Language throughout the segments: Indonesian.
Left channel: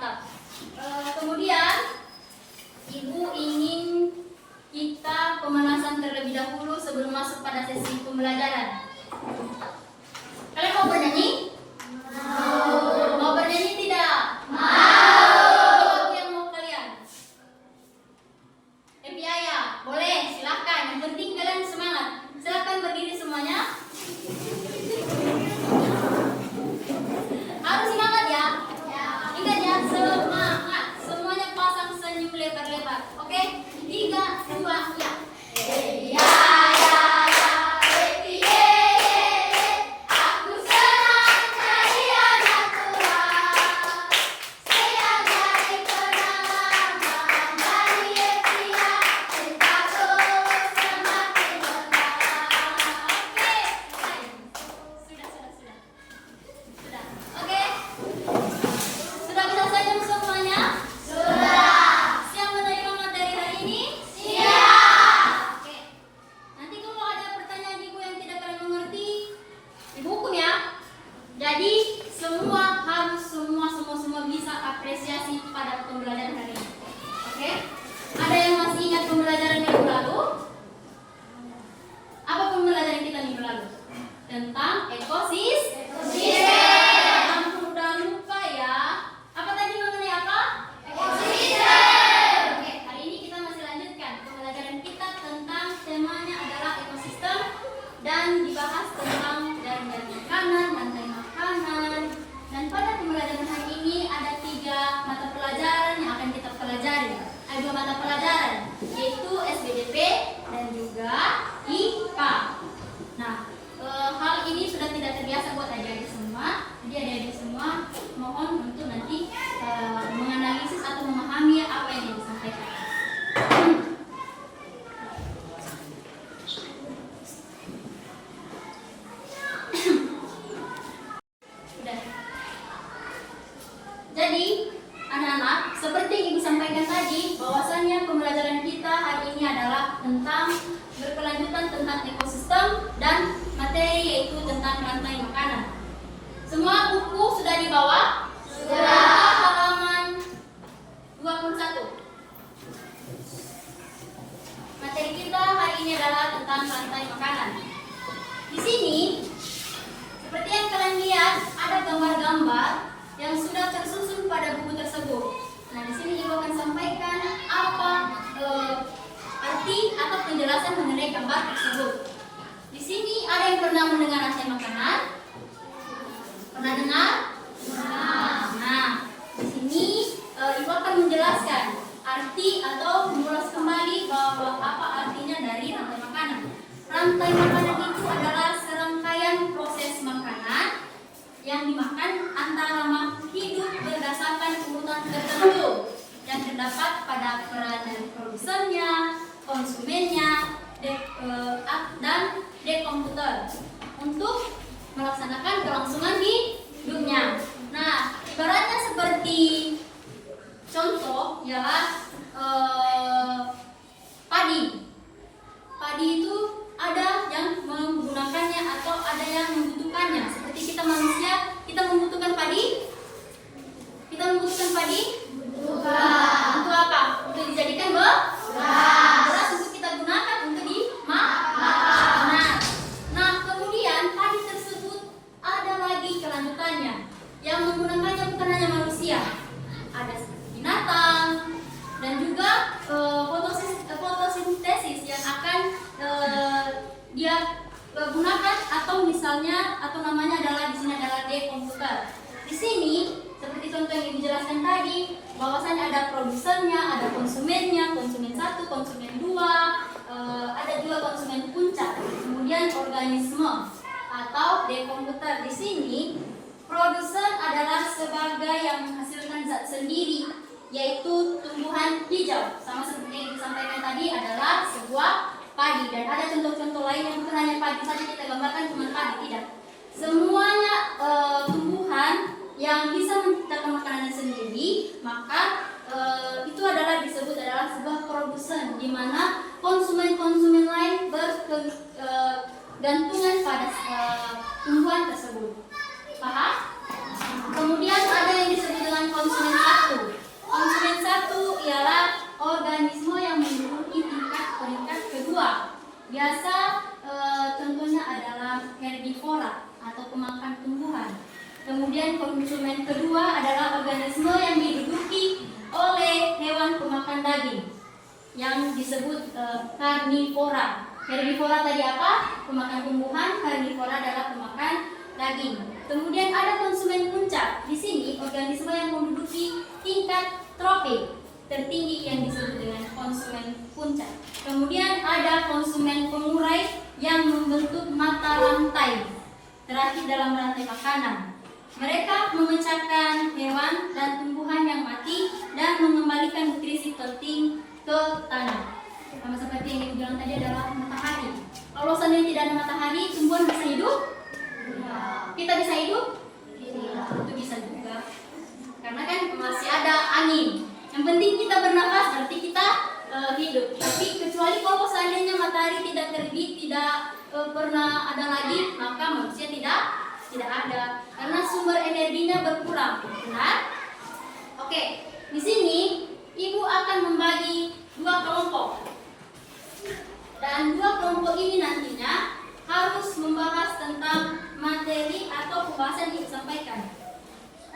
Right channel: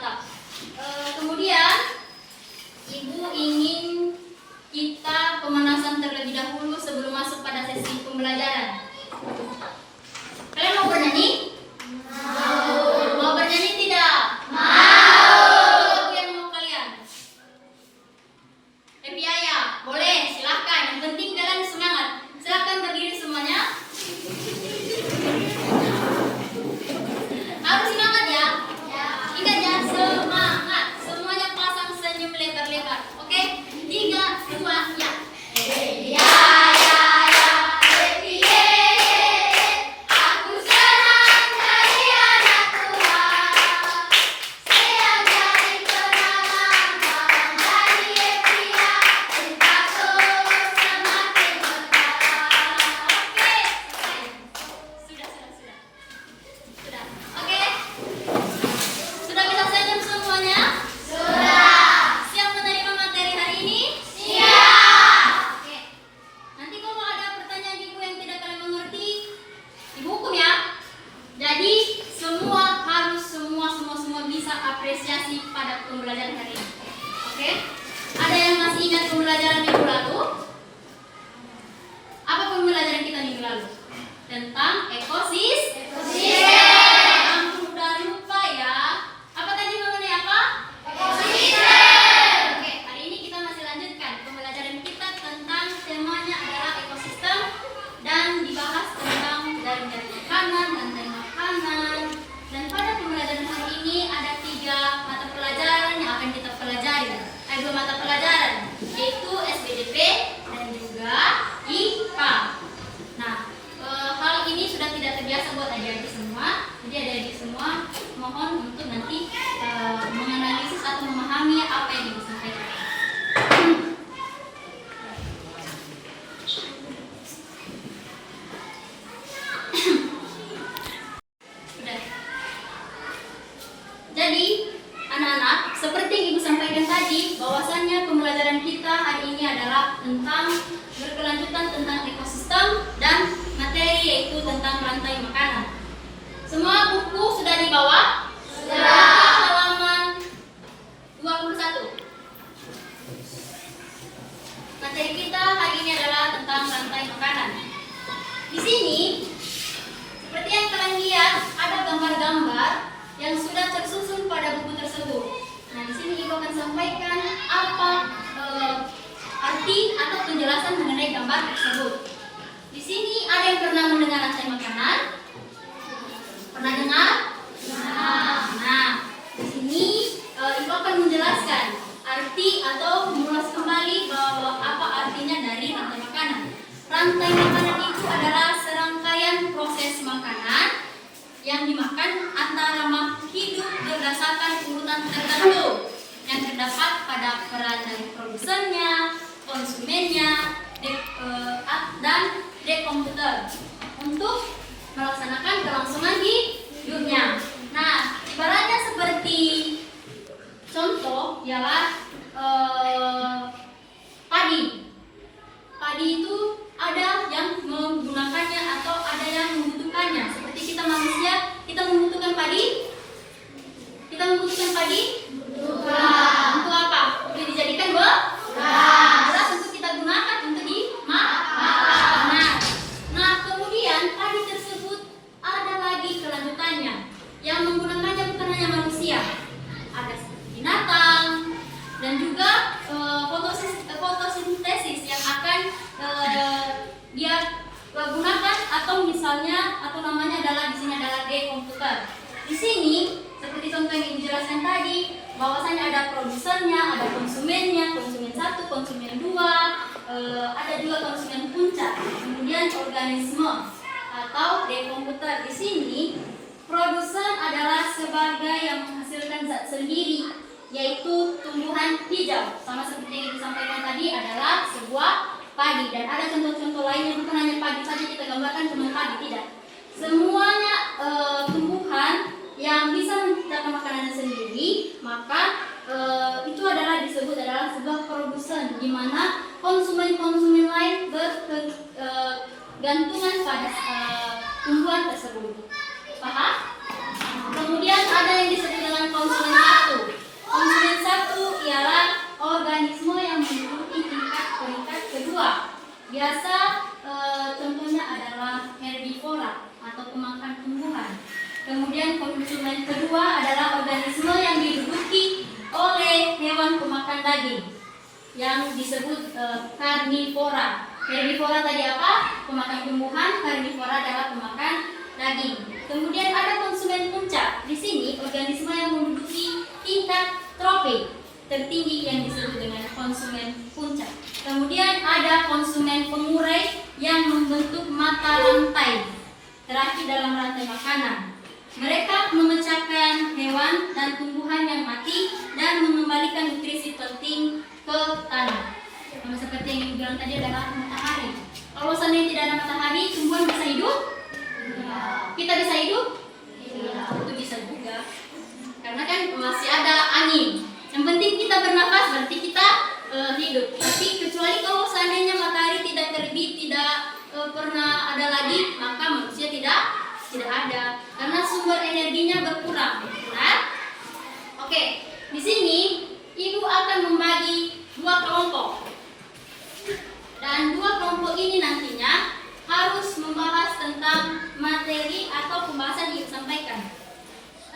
mantap. Kemudian Ibu ingin kita pemanasan terlebih dahulu sebelum masuk pada sesi pembelajaran. Kalian mau bernyanyi? Mau bernyanyi tidak? Mau. Yang mau kalian? Happy Ayah? Boleh, silahkan. Yang penting kalian semangat. Silahkan berdiri semuanya. Harus semangat ya. Ingat ya, semangat. Semuanya pasang senyum lebar-lebar. Oke? 3, 2, ya. Happy Ayah, happy aku senang jadi anak Tuhan. Saya jadi pengalaman dari happy cintaku semakin bertambah. Oke. Sudah. Oke. Sudah bisa senyum semuanya? Sudah. Siap menerima materi hari ini? Siap. Oke. Nanti kalau ada pertanyaan ibu yang tidak kalian mengerti, ibu hukum ya. Jadi semua harus semua bisa apresiasi pada pembelajaran hari ini. Oke? Ada yang masih ingat pembelajaran minggu lalu? Apa pembelajaran kita minggu lalu? Tentang ekosistem. Ampun, udah lupa ya. Apa tadi mengenai apa? Ekosistem. Oke, hari ini kita masih lanjutkan pembelajaran kita tentang temanya adalah ekosistem dan dibahas tentang dari makanan, rantai makanan. Dan pada pembelajaran hari ini ada 3 mata pelajaran yang akan kita pelajari. Ada 2 mata pelajaran, yaitu SBDP dan juga IPA. Nah, hal ini sudah tidak terbiasa buat adik-adik semua. Jadi adik-adik semua mohon untuk nanti menganalisis atau memahami apa yang disampaikan. Sudah. Jadi anak-anak, seperti yang Ibu sampaikan tadi, bahwasannya pembelajaran kita hari ini adalah tentang berkelanjutan tentang ekosistem dan materi yaitu tentang rantai makanan. Semua buku sudah dibawa? Sudah. Halaman 21. Materi kita hari ini adalah tentang rantai makanan. Di sini, seperti yang kalian lihat, ada gambar-gambar yang sudah tersusun pada buku tersebut. Nah, di sini Ibu akan sampaikan apa arti atau penjelasan mengenai gambar tersebut. Di sini ada yang pernah mendengar rantai makanan? Pernah dengar? Nah, di sini Ibu akan menjelaskan arti atau mengulas kembali bahwa apa artinya dari rantai makanan. Rantai makanan itu adalah serangkaian proses makanan yang dimakan antara makhluk hidup berdasarkan urutan tertentu yang terdapat pada peran dari produsennya, konsumennya, dan dekomputer untuk melaksanakan kelangsungan hidupnya. Nah, ibaratnya seperti contoh ialah padi. Padi itu ada yang menggunakannya atau ada yang membutuhkannya. Seperti kita manusia, kita membutuhkan padi. Kita membutuhkan padi untuk apa? Untuk dijadikan beras untuk kita gunakan untuk dimakan. Nah, kemudian padi tersebut ada lagi kelanjutannya. Yang menggunakannya bukan hanya manusia, ada binatang dan juga fotosintesis yang akan dia gunakan atau misalnya atau namanya adalah di sini adalah dekomputer. Di sini seperti contoh yang Ibu jelaskan tadi, bahwasanya ada produsennya, ada konsumennya, konsumen 1, konsumen 2, ada juga konsumen puncak, kemudian organisme atau dekomputer. Di sini produsen adalah sebagai yang menghasilkan zat sendiri, yaitu tumbuhan hijau. Sama seperti yang disampaikan tadi adalah sebuah padi. Dan ada contoh-contoh lainnya, bukan hanya padi saja kita gambarkan cuma padi, tidak. Semuanya tumbuhan yang bisa menciptakan makanannya sendiri, maka itu adalah disebut adalah sebuah produsen, di mana konsumen-konsumen lain bergantungan pada tumbuhan tersebut. Paham? Kemudian ada yang disebut dengan konsumen satu. yang disebut karnivora. Herbivora tadi apa? Pemakan tumbuhan, karnivora adalah pemakan daging. Kemudian ada konsumen puncak. Di sini organisme yang menduduki tingkat tropik tertinggi yang disebut dengan konsumen puncak. Kemudian ada konsumen pengurai yang membentuk mata rantai terakhir dalam rantai makanan. Mereka memecahkan hewan dan tumbuhan yang mati dan mengembalikan nutrisi penting ke tanah. Sama seperti yang dibilang tadi adalah matahari. Kalau seandainya tidak ada matahari, tumbuhan bisa hidup? Kita bisa hidup? Itu bisa juga. Karena kan masih ada angin. Yang penting kita bernafas, berarti kita hidup. Tapi kecuali kalau seandainya matahari tidak terbit, tidak pernah ada lagi, maka manusia tidak ada. Karena sumber energinya berkurang. Benar? Oke, di sini ibu akan membagi 2 kelompok. Dan 2 kelompok ini nantinya harus membahas tentang materi atau pembahasan yang disampaikan.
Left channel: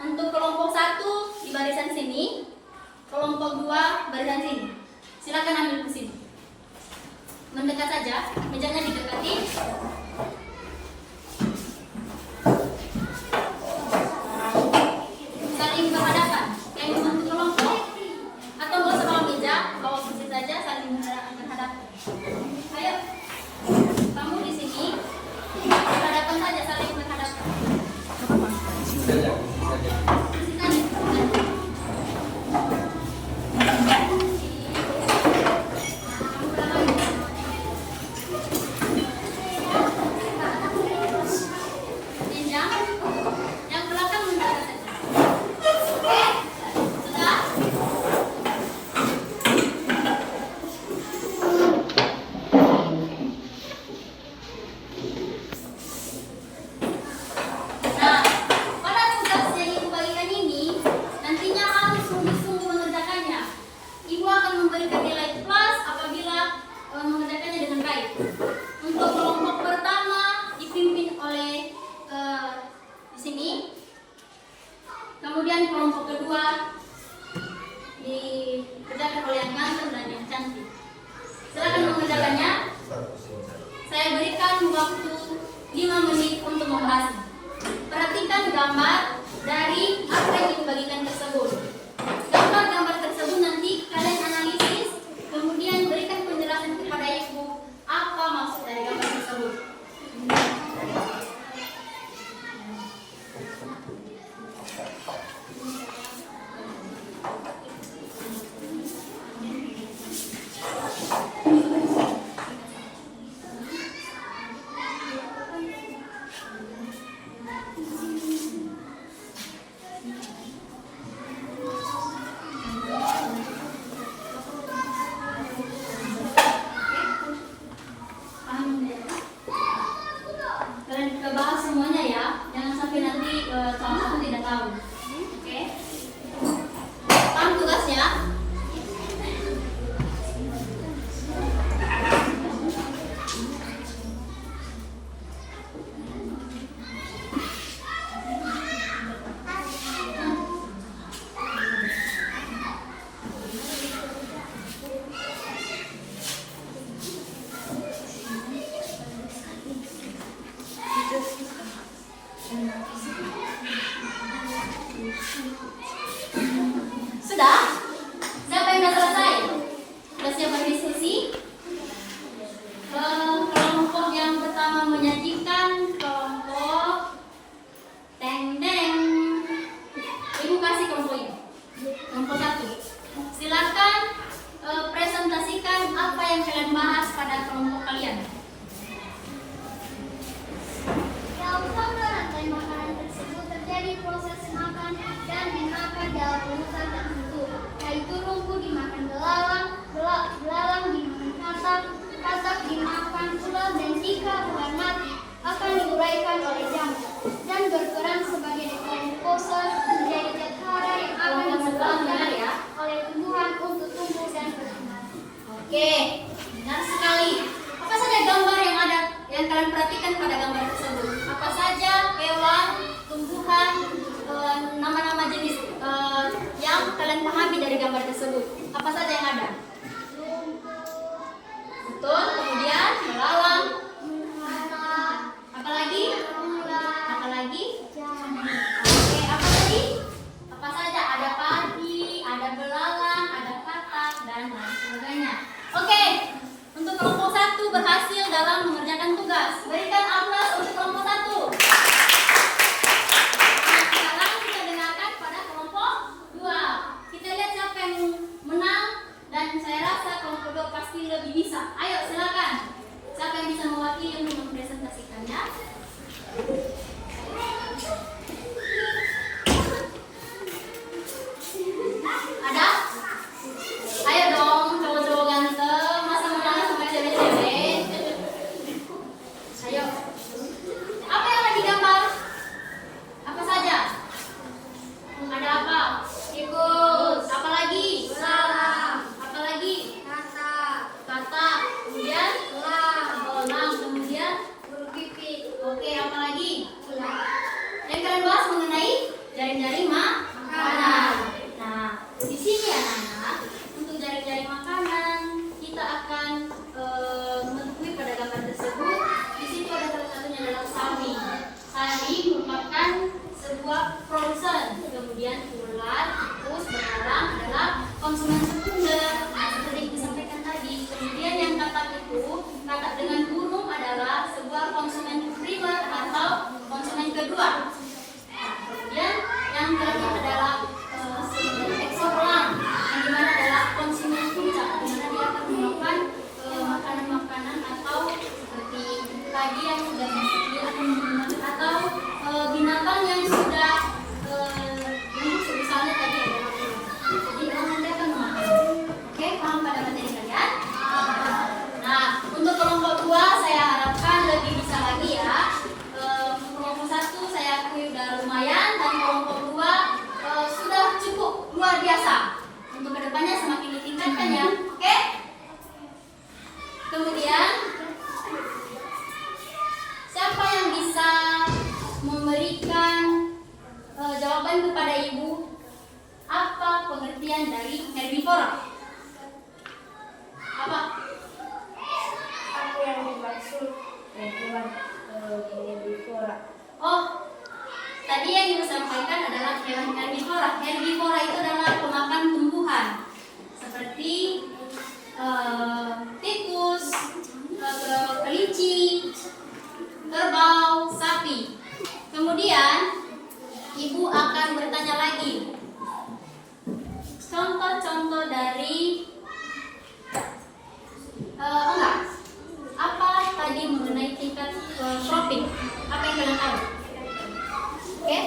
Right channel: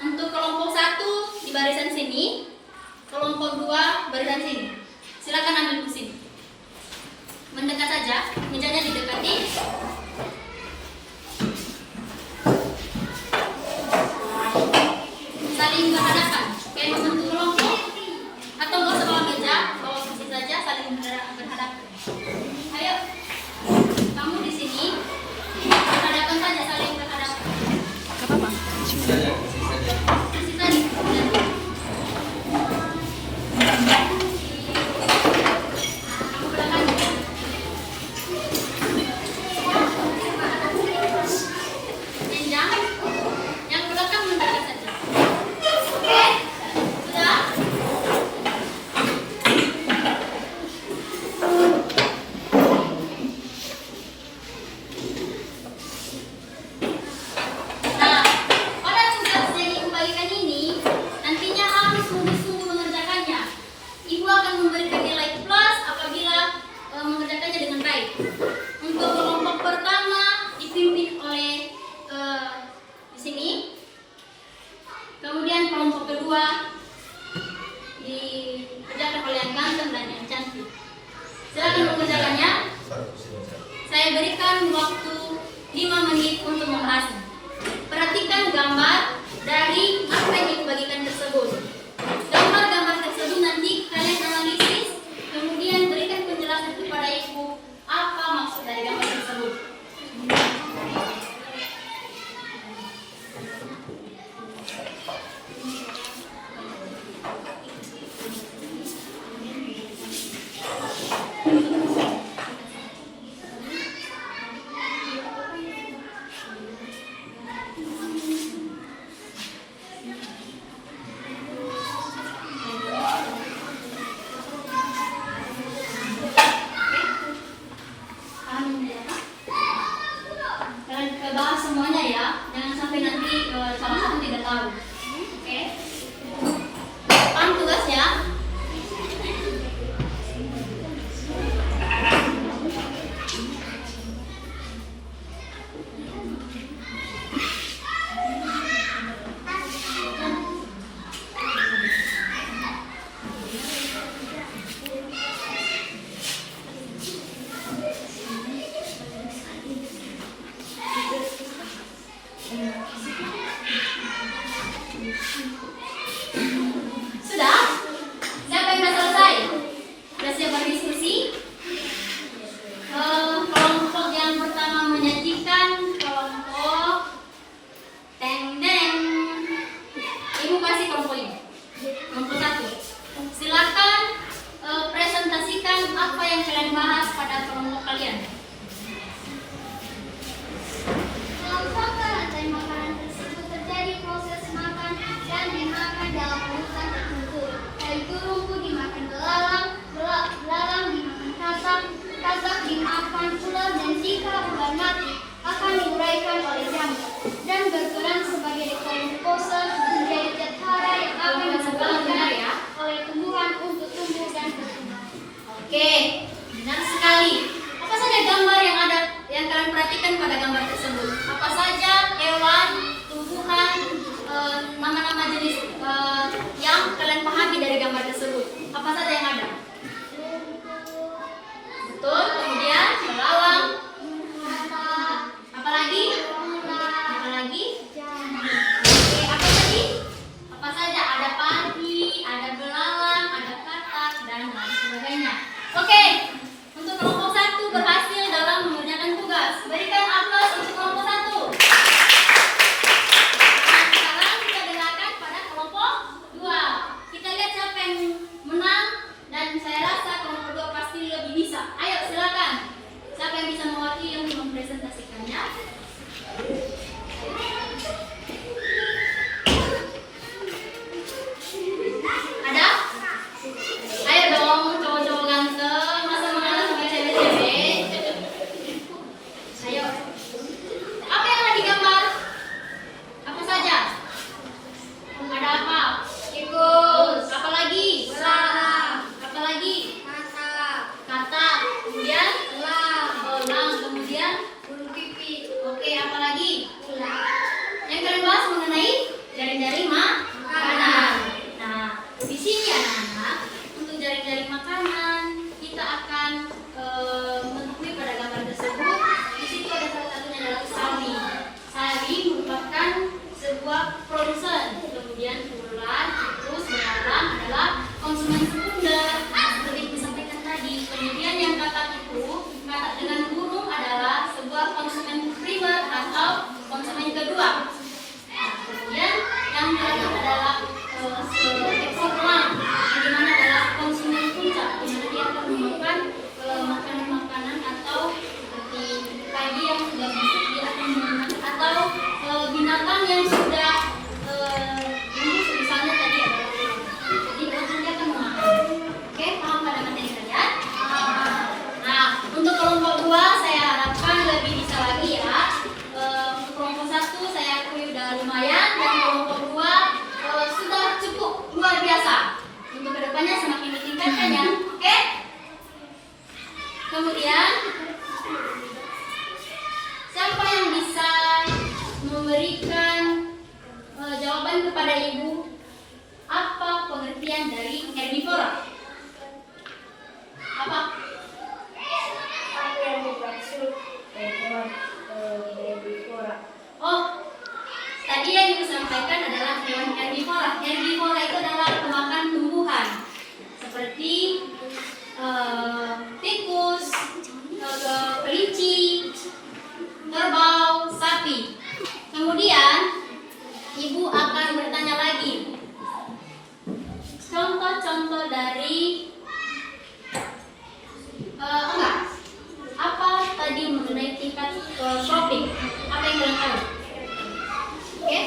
Untuk kelompok 1 di barisan sini, kelompok 2 barisan sini. Silakan ambil kursi. Mendekat saja, mejanya didekati. Saling berhadapan, kayak membentuk kelompok. Atau nggak usah bawa meja, bawa kursi saja, saling berhadapan. Ayo, kamu di sini berhadapan saja, saling berhadapan. Gak apa-apa. Kursi tadi. Yang belakang mendekat saja. Oke, sudah. Nah, pada tugas yang ibu bagikan ini nantinya harus sungguh-sungguh mengerjakannya. Ibu akan memberikan nilai plus apabila mengerjakannya dengan baik. Untuk kelompok pertama dipimpin oleh di sini. Kemudian kelompok kedua dikerjakan oleh yang ganteng dan yang cantik. Silakan mengerjakannya. Saya berikan waktu 5 menit untuk membahasnya. Perhatikan gambar dari apa yang dibagikan tersebut. Gambar-gambar tersebut nanti kalian analisis, kemudian berikan penjelasan kepada ibu apa maksud dari gambar tersebut. Kalian bahas semuanya ya, jangan sampai nanti salah satu tidak tahu. Oke? Paham tugasnya? Sudah? Siapa yang sudah selesai? Sudah siap berdiskusi? Kelompok yang pertama menyajikan kelompok teng-teng. Ibu kasih kelompok ini. Kelompok 1. Silakan presentasikan apa yang kalian bahas pada kelompok kalian. Dalam sangka rantai makanan tersebut terjadi proses makan dan dimakan dalam urutan tertentu, yaitu rumput dimakan belalang, belalang dimakan katak, katak dimakan ular, dan jika ular mati akan diuraikan oleh jamur dan berperan sebagai dekomposer menjadi zat hara yang akan dikembangkan oleh tumbuhan untuk tumbuh dan berkembang. Oke, benar sekali. Apa saja gambar yang ada yang kalian perhatikan pada gambar tersebut? Apa saja hewan, tumbuhan, nama-nama jenis yang kalian pahami dari gambar tersebut? Apa saja yang ada? bagian dari herbivora? Apa? Apa yang dimaksud hewan herbivora? Oh, tadi yang ibu sampaikan adalah hewan herbivora. Herbivora itu adalah pemakan tumbuhan seperti tikus, kelinci, kerbau, sapi. Kemudian ibu akan bertanya lagi contoh-contoh dari enggak. Apa tadi mengenai tingkat tropik? Apa yang kalian tahu? Oke?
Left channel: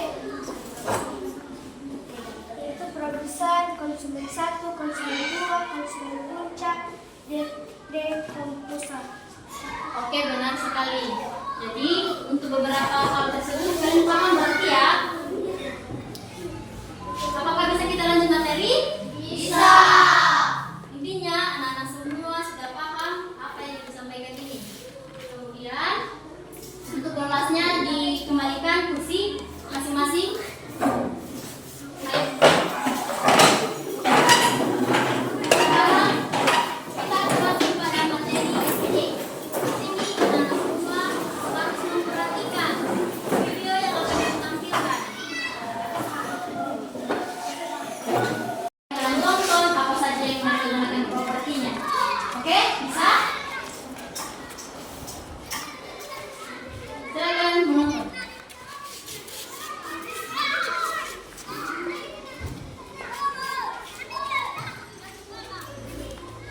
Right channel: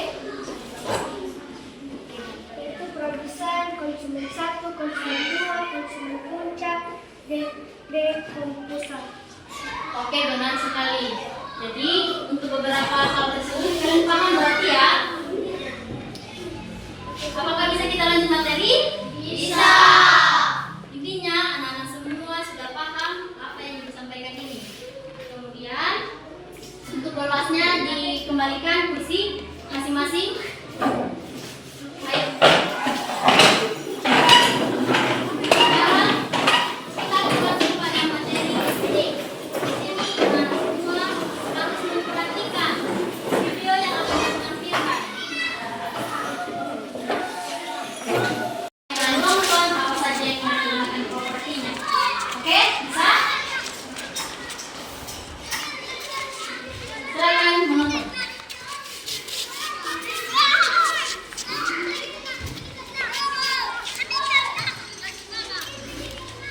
Itu produsen, konsumen 1, konsumen 2, konsumen puncak, dekomposan. Oke, benar sekali. Jadi untuk beberapa hal tersebut kalian paham berarti ya? Apakah bisa kita lanjut materi? Bisa. Intinya anak-anak semua sudah paham apa yang disampaikan ini. Kemudian untuk kelasnya dikembalikan kursi masing-masing. Baik. Sekarang kita masuk pada materi SD. Di sini anak-anak semua harus memperhatikan video yang akan ditampilkan. Kalian tonton apa saja yang menggunakan propertinya. Oke, bisa? Silakan menonton.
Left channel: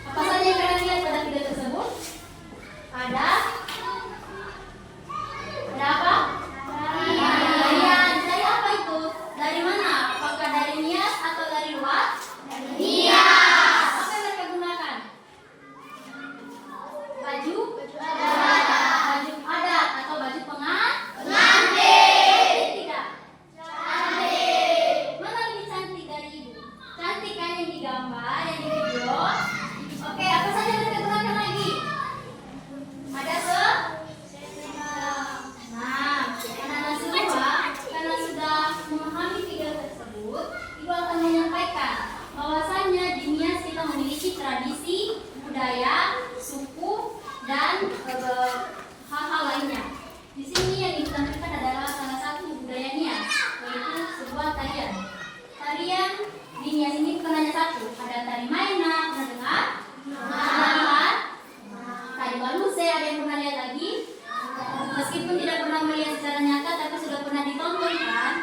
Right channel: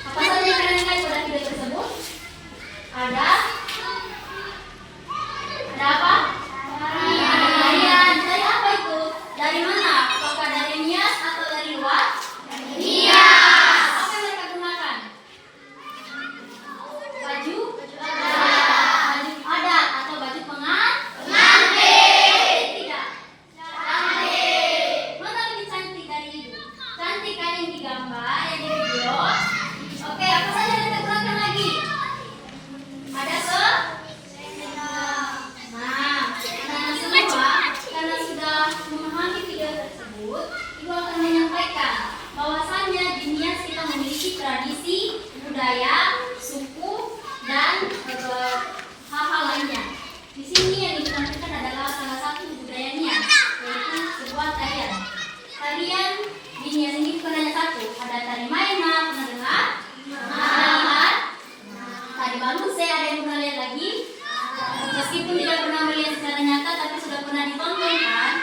Apa saja yang kalian lihat pada video tersebut? Ada apa? Tarian. Dari apa itu? Dari mana? Apakah dari nias atau dari luar? Dari nias. Apa yang mereka gunakan? Baju? Baju adat atau baju pengantin? Tidak. Mana lebih cantik dari ibu? Cantik kan yang digambar, yang di video? Oke, apa saja yang kita gunakan lagi? Ada Nah, anak-anak semua karena sudah memahami video tersebut, ibu akan menyampaikan bahwasannya di Nias kita memiliki tradisi, budaya, suku, dan hal-hal lainnya. Di sini yang ditampilkan adalah salah satu budaya Nias, yaitu sebuah tarian. Tarian di Nias ini bukan hanya satu, ada tari Maena, pernah dengar? Pernah lihat? Tari Baluse, ada yang pernah lihat lagi? Meskipun tidak pernah melihat secara nyata, tapi sudah pernah ditonton kan?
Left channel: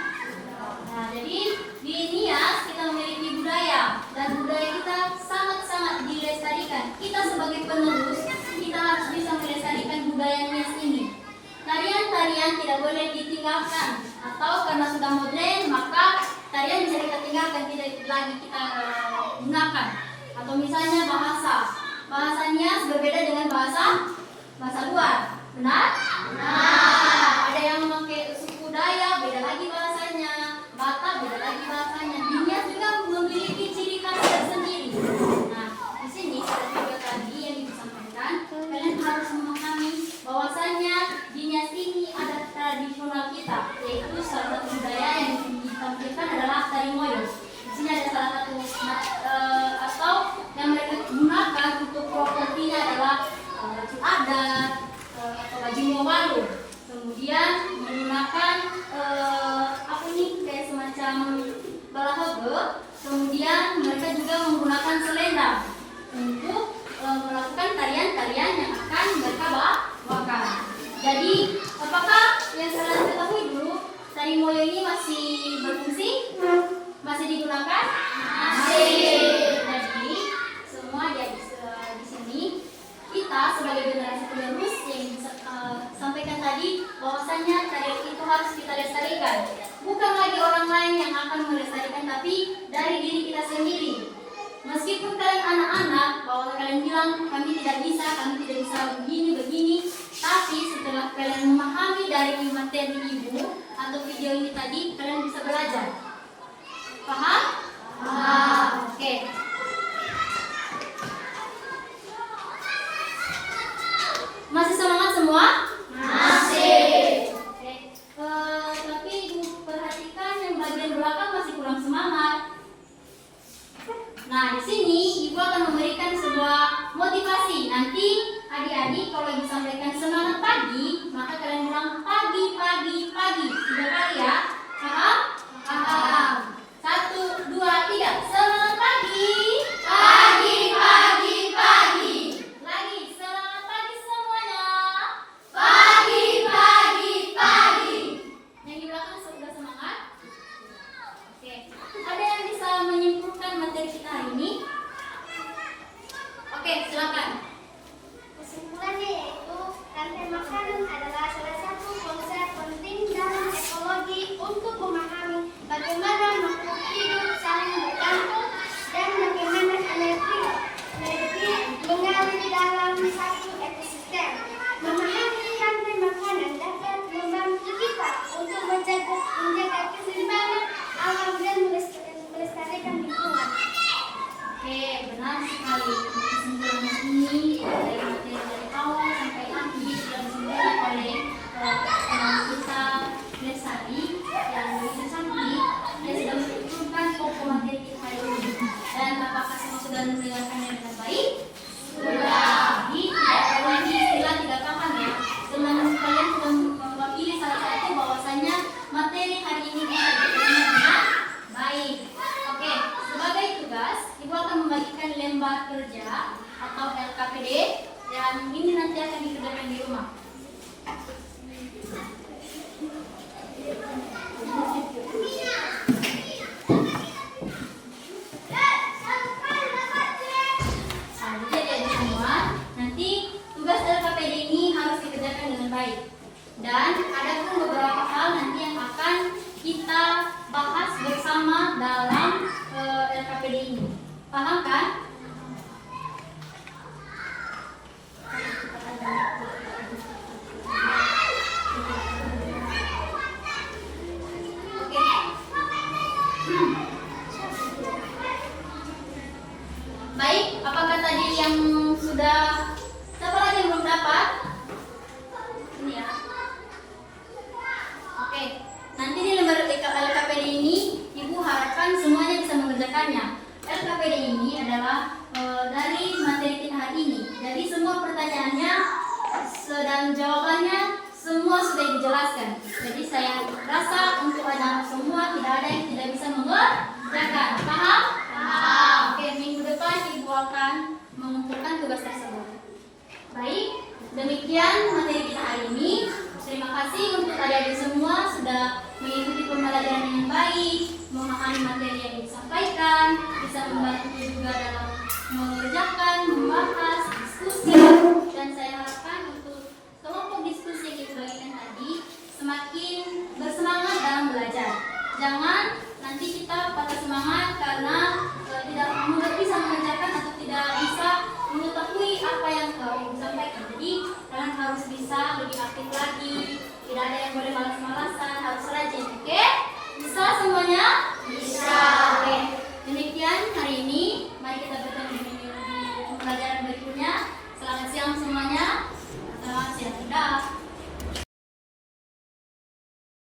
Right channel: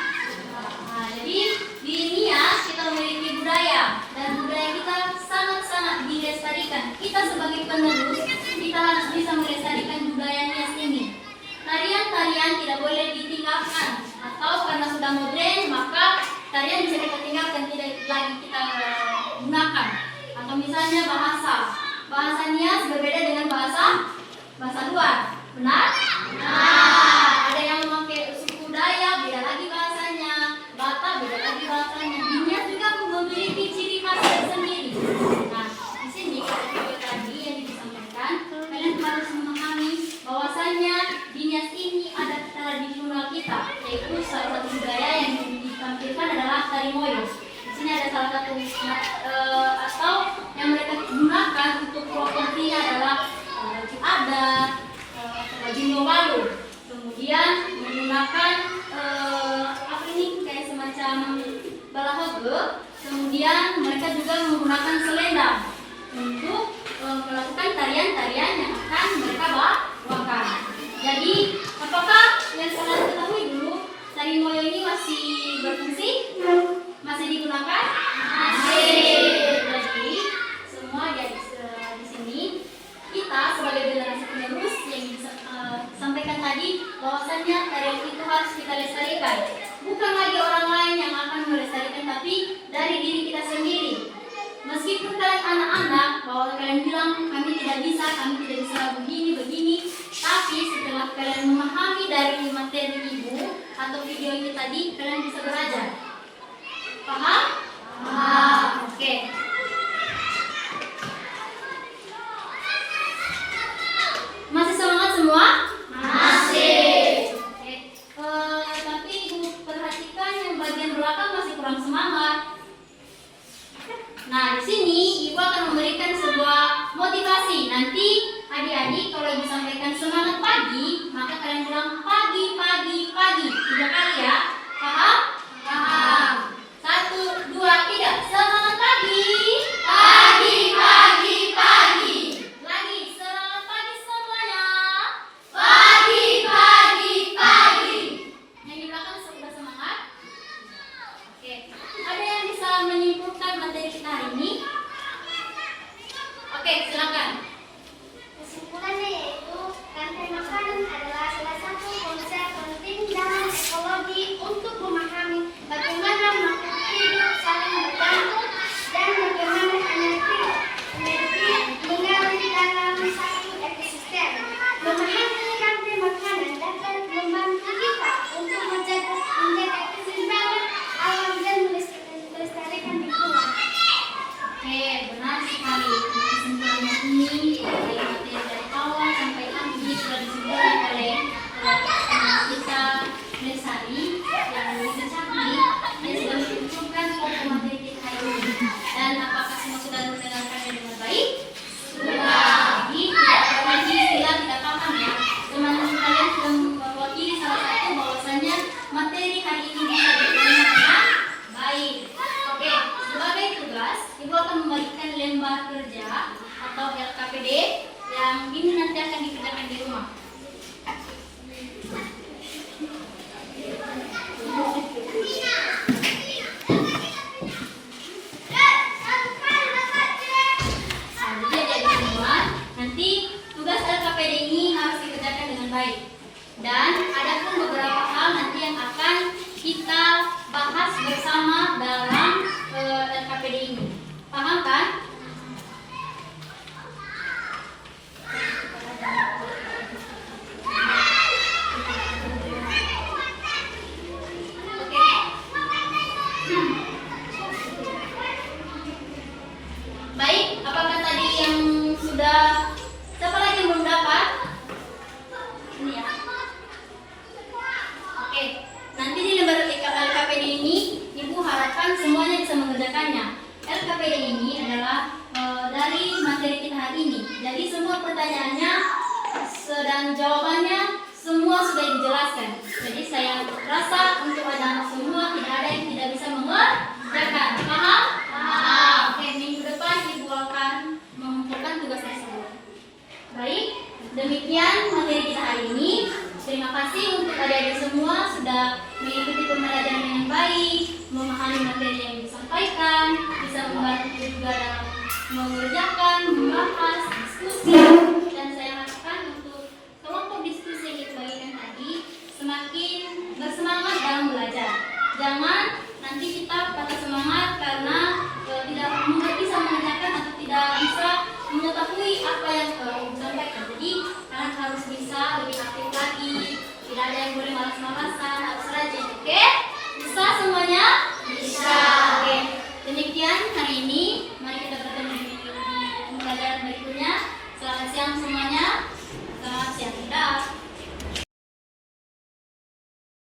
Nah, jadi di Nias kita memiliki budaya, dan budaya kita sangat-sangat dilestarikan. Kita sebagai penerus, kita harus bisa melestarikan budaya Nias ini. Tarian-tarian tidak boleh ditinggalkan, atau karena sudah modern, maka tarian bisa kita tinggalkan, tidak lagi kita gunakan. Atau misalnya bahasa Nias berbeda dengan bahasa luar. Benar? Nah, ada yang memakai suku Dayak, beda lagi bahasanya. Batak, beda lagi bahasanya. Di Nias juga memiliki ciri khas tersendiri. Nah, di sini pada video tadi yang disampaikan, kalian harus memahami bahwasannya di Nias ini ada tradisional kita, yaitu salah satu budaya yang ditampilkan adalah tari moyo. Di sini ada salah satu atau yang mereka gunakan untuk propertinya adalah baju adat atau baju nyobalu. Kemudian menggunakan apa ini kayak semacam balahege. Kemudian mereka juga menggunakan selendang untuk melakukan tarian-tarian yang akan mereka bawakan. Jadi, apakah yang kalian ketahui dulu tari moyo ini masih berfungsi? Masih digunakan? Masih. Jadi, semua di sini kita sebagai generasi penerus yang sampaikan tadi bahwasannya tarian itu harus kita lestarikan. Bukan lagi orang lain yang akan melestarikan, tapi dari diri kita sendiri. Meskipun kalian anak-anak, bahwa kalian bilang kami tidak bisa begini, tapi setelah kalian memahami dari materi ibu atau video ini tadi, kalian bisa belajar. Paham? Paham. Oke. Masih semangat semua? Masih. Oke. Tapi ibu perhatikan yang bagian belakang masih kurang semangat. Nah, di sini Ibu akan memberikan sebuah motivasi. Nanti adik-adik kalau Ibu sampaikan semangat pagi, maka kalian bilang pagi, pagi, pagi. 3 kali ya. Paham? Paham. 1, 2, 3. Semangat pagi. Pagi, pagi, pagi. Lagi, semangat pagi semuanya. Pagi, pagi, pagi. Yang di belakang sudah semangat? Oke. Ada yang bisa menyimpulkan materi kita hari ini? Oke, silakan. Kesimpulannya yaitu rantai makanan adalah salah satu konsep penting dalam ekologi untuk memahami bagaimana makhluk hidup saling bergantung dan bagaimana energi mengalir dalam satu ekosistem. Memahami rantai makanan dapat membantu kita untuk menjaga keseimbangan alam dan melestarikan lingkungan. Oke, benar sekali. Kesimpulannya ini dari materi dari awal sampai akhir sudah disimpulkan oleh teman kita Lesari yang begitu cantik. Dia sudah menyempurnakan pokok materi kita hari ini. Dan apakah semua sudah mendengarkannya dengan baik? Sudah. Jadi tidak ada lagi istilah tidak paham ya. Teman-teman kalian sudah mewakili salah satu bahwasanya materi hari ini bisa diterima dengan baik. Oke, sebagai tugas, Ibu akan membagikan lembar kerja atau LKPD yang ini nanti akan dikerjakan di rumah. Nah, jadi adik-adik semua, nanti tugas LKPD ini harus dikerjakan dengan baik. Dan ada pun beberapa hal nanti yang akan kita bahas bersama dalam LKPD ini. Paham kan? Oke. Baik, apakah tadi yang sudah, siapa lagi yang belum dapat? Ini ya. Oke, nanti di lembar LKPD ini Ibu harapkan semuanya bisa mengerjakannya. LKPD ini adalah dari materi kita hari ini. Jadi semua pertanyaannya dan jawabannya semua sudah dijelaskan. Jadi saya rasa untuk anak semua tidak ada yang tidak bisa mengerjakan. Paham? Paham. Oke, minggu depan Ibu akan mengumpulkan tugas tersebut. Baik, demikian materi kita hari ini. Terima kasih untuk adik-adik semua sudah mengikuti pembelajaran dengan baik, memahami materi yang disampaikan, bisa membantu juga dalam mengerjakan